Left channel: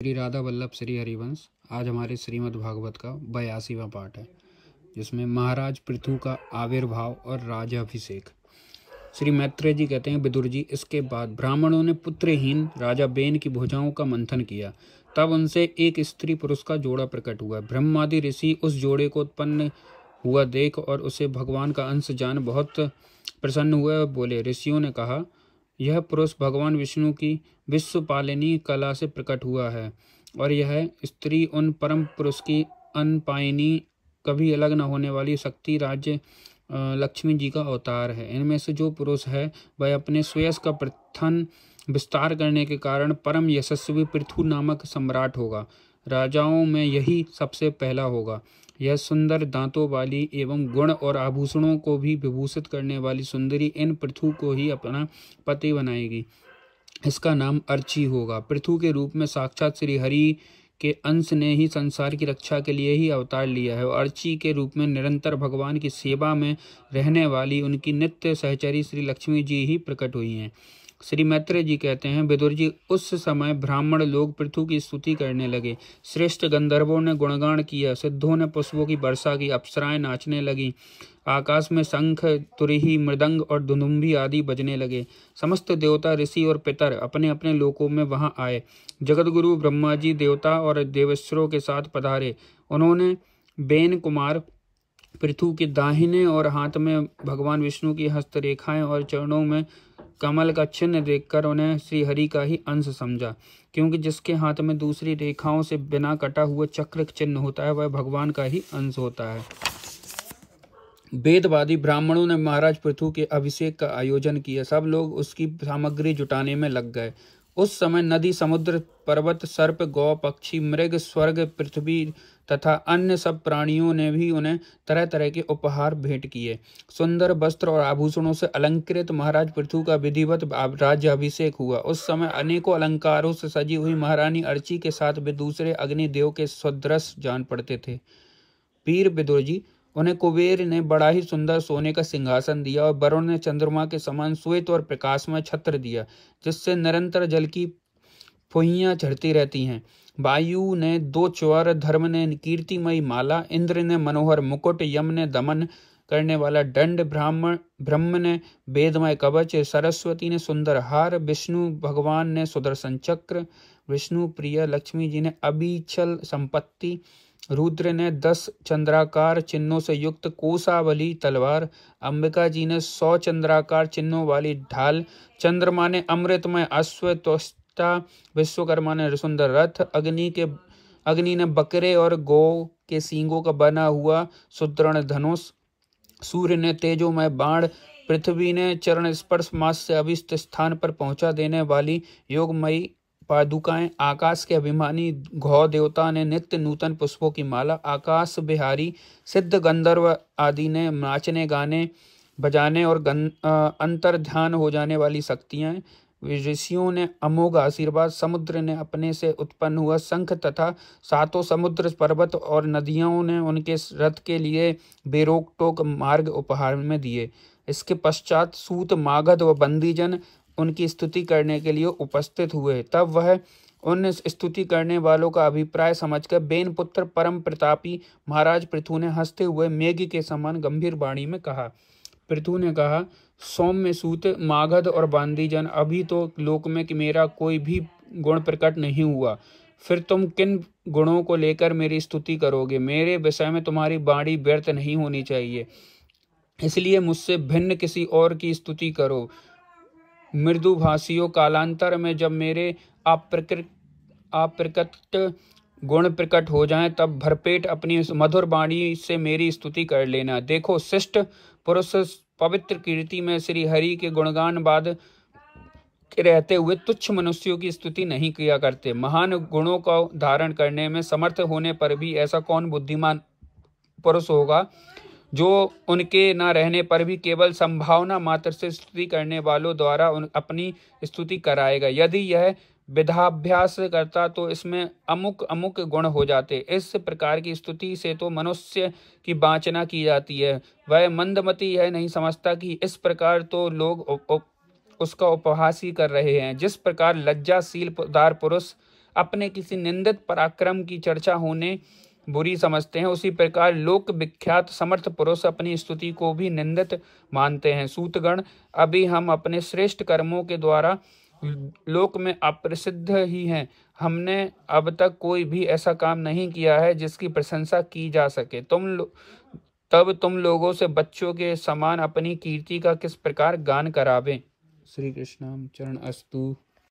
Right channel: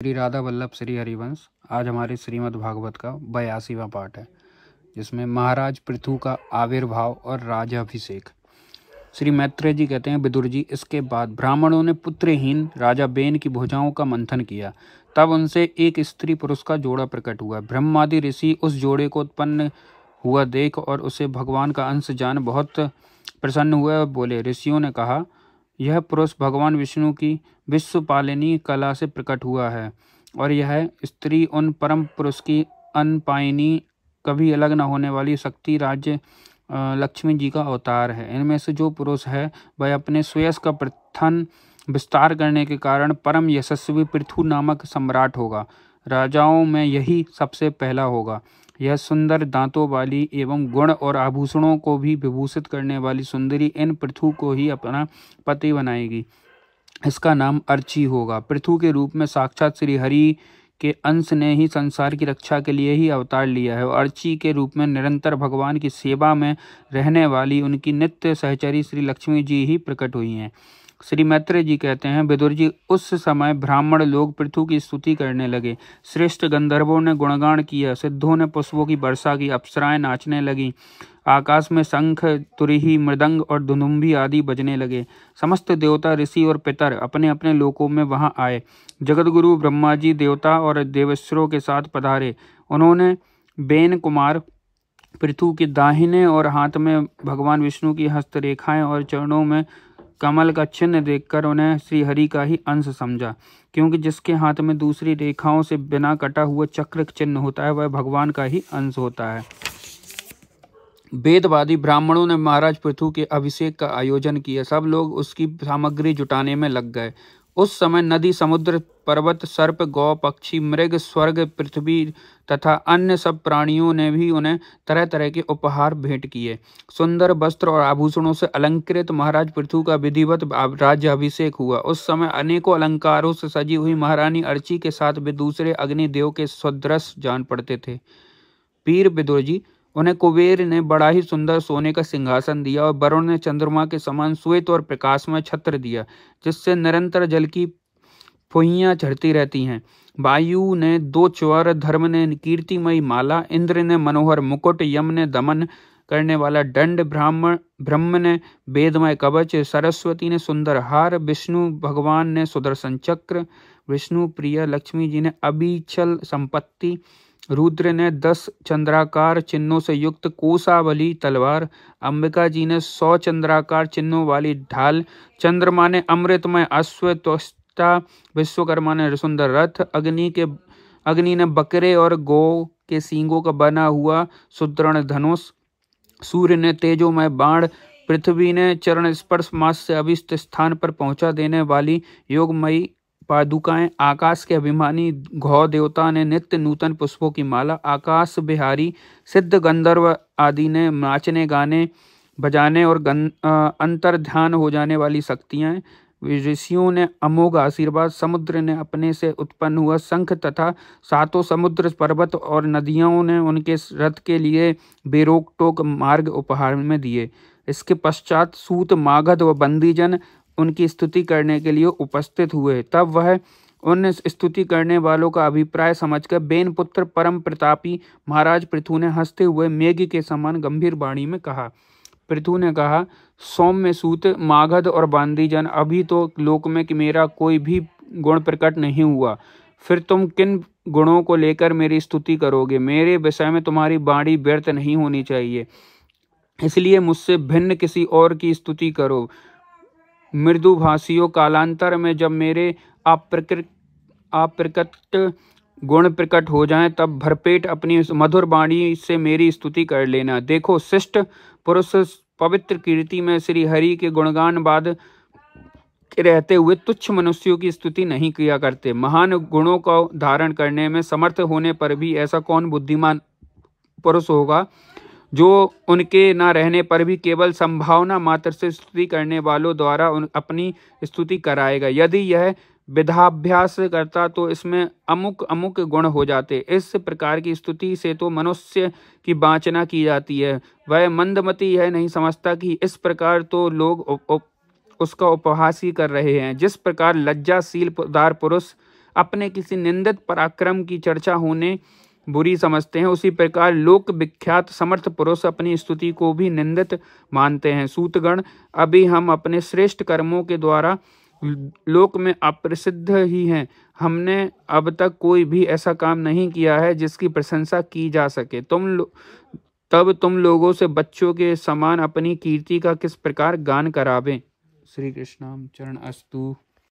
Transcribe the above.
श्री राधा वल्लभ श्री हरिवंश। आज हमारे श्रीमद् भागवत का 82वां पाठ है, जिसमें महाराज पृथु का आविर्भाव और राजाभिषेक। श्री मैत्रेय जी कहते हैं, विदुर जी, इसके बाद ब्राह्मणों ने पुत्रहीन राजा बेन की भुजाओं का मंथन किया। तब उनसे एक स्त्री पुरुष का जोड़ा प्रकट हुआ। ब्रह्मादि ऋषि उस जोड़े को उत्पन्न हुआ देख और उसे भगवान का अंश जान बहुत प्रसन्न हुए और बोले। ऋषियों ने कहा, यह पुरुष भगवान विष्णु की विश्वपालिनी कला से प्रकट हुआ है और यह स्त्री उन परम पुरुष की अनपायनी, कभी अलग न होने वाली शक्ति राज्य लक्ष्मी जी का अवतार है। इनमें से जो पुरुष है वह अपने सुयश का प्रथन विस्तार करने के कारण परम यशस्वी पृथु नामक सम्राट होगा। राजाओं में यही सबसे पहला होगा। यह सुंदर दांतों वाली एवं गुण और आभूषणों को भी विभूषित करने वाली सुंदरी इन पृथु को ही अपना पति बनाएगी। इसका नाम अर्ची होगा। पृथु के रूप में साक्षात श्री हरि के अंश ने ही संसार की रक्षा के लिए ही अवतार लिया है। अर्ची के रूप में निरंतर भगवान की सेवा में रहने वाली उनकी नित्य सहचरी श्री लक्ष्मी जी ही प्रकट हुई हैं। श्री मैत्रेय जी कहते हैं, विदुर जी, उस समय ब्राह्मण लोग पृथु की स्तुति करने लगे। श्रेष्ठ गंधर्वों ने गुणगान किया, सिद्धों ने पुष्पों की वर्षा की, अप्सराएं नाचने लगी, आकाश में शंख, तुरही, मृदंग और धुनुम्भी आदि बजने लगे। समस्त देवता, ऋषि और पितर अपने अपने लोकों में वहां आए। जगतगुरु ब्रह्मा जी देवता और देवेश्वरों के साथ पधारे। उन्होंने बेन कुमार पृथु के दाहिने और हाथ में भगवान विष्णु की हस्तरेखाएं और चरणों में कमल का चिन्ह देखकर उन्हें श्री हरि का ही अंश समझा, क्योंकि जिसके हाथ में दूसरी रेखाओं से बिना कटा हुआ चक्र चिन्ह होता है वह भगवान का ही अंश होता है। वेदवादी ब्राह्मणों ने महाराज पृथु के अभिषेक का आयोजन किया। सब लोग उसकी सामग्री जुटाने में लग गए। उस समय नदी, समुद्र, पर्वत, सर्प, गौ, पक्षी, मृग, स्वर्ग, पृथ्वी तथा अन्य सब प्राणियों ने भी उन्हें तरह तरह के उपहार भेंट किए। सुंदर वस्त्र और आभूषणों से अलंकृत महाराज पृथु का विधिवत राज्य अभिषेक हुआ। उस समय अनेकों अलंकारों से सजी हुई महारानी अर्ची के साथ वे दूसरे अग्निदेव के सदृश जान पड़ते थे। वीर विदुर जी, उन्हें कुबेर ने बड़ा ही सुंदर सोने का सिंहासन दिया और वरुण ने चंद्रमा के समान श्वेत और प्रकाशमय छत्र दिया, जिससे निरंतर जल की फुहियां झड़ती रहती हैं। वायु ने 2 च्वर, धर्म ने कीर्तिमयी माला, इंद्र ने मनोहर मुकुट, यम ने दमन करने वाला दंड, ब्रह्म ने वेदमय कवच, सरस्वती ने सुंदर हार, विष्णु भगवान ने सुदर्शन चक्र, विष्णु प्रिया लक्ष्मी जी ने अबीचल संपत्ति, रुद्र ने 10 चंद्राकार चिन्हों से युक्त कोसावली तलवार, अंबिका जी ने 100 चंद्राकार चिन्हों वाली ढाल, चंद्रमा ने अमृतमय अश्व, त्वष्टा विश्वकर्मा ने सुंदर रथ, अग्नि ने बकरे और गौ के सींगों का बना हुआ सुदृढ़ धनुष, सूर्य ने तेजोमय बाण, पृथ्वी ने चरण स्पर्श मास से अभिष्ट स्थान पर पहुंचा देने वाली योगमयी पादुकाएं, आकाश के अभिमानी घौ देवता ने नित्य नूतन पुष्पों की माला, आकाश बिहारी सिद्ध गंधर्व आदि ने नाचने, गाने, बजाने और अंतर ध्यान हो जाने वाली शक्तियां, ऋषियों ने अमोघ आशीर्वाद, समुद्र ने अपने से उत्पन्न हुआ शंख तथा 7 समुद्र, पर्वत और नदियों ने उनके रथ के लिए बेरोक टोक मार्ग उपहार में दिए। इसके पश्चात सूत, मागध व बंदीजन उनकी स्तुति करने के लिए उपस्थित हुए। तब वह उन स्तुति करने वालों का अभिप्राय समझकर बेन पुत्र परम प्रतापी महाराज पृथु ने हंसते हुए मेघ के समान गंभीर वाणी में कहा। पृथु ने कहा, सौम्य सूत, मागध और बांदीजन, अभी तो लोक में कि मेरा कोई भी गुण प्रकट नहीं हुआ, फिर तुम किन गुणों को लेकर मेरी स्तुति करोगे? मेरे विषय में तुम्हारी वाणी व्यर्थ नहीं होनी चाहिए, इसलिए मुझसे भिन्न किसी और की स्तुति करो। मृदुभाषियों, कालांतर में जब मेरे अप्रकट गुण प्रकट हो जाएं, तब भरपेट अपनी मधुर वाणी से मेरी स्तुति कर लेना। देखो, शिष्ट पुरुष पवित्र कीर्ति में श्री हरि के गुणगान बाद रहते हुए तुच्छ मनुष्यों की स्तुति नहीं किया करते। महान गुणों को धारण करने में समर्थ होने पर भी ऐसा कौन बुद्धिमान पुरुष होगा जो उनके न रहने पर भी केवल संभावना मात्र से स्तुति करने वालों द्वारा अपनी स्तुति कराएगा? यदि यह विधाभ्यास करता तो इसमें अमुक अमुक गुण हो जाते। इस प्रकार की स्तुति से तो मनुष्य की वांछना की जाती है। वह मंदमती है, नहीं समझता कि इस प्रकार तो लोग उसका उपहास ही कर रहे हैं। जिस प्रकार लज्जाशील दार पुरुष अपने किसी निंदित पराक्रम की चर्चा होने बुरी समझते हैं, उसी प्रकार लोक विख्यात समर्थ पुरुष अपनी स्तुति को भी निंदित मानते हैं। सूतगण, अभी हम अपने श्रेष्ठ कर्मों के द्वारा लोक में अप्रसिद्ध ही हैं। हमने अब तक कोई भी ऐसा काम नहीं किया है जिसकी प्रशंसा की जा सके। तब तुम लोगों से बच्चों के समान अपनी कीर्ति का किस प्रकार गान करावें। श्री कृष्णाम चरण अस्तु।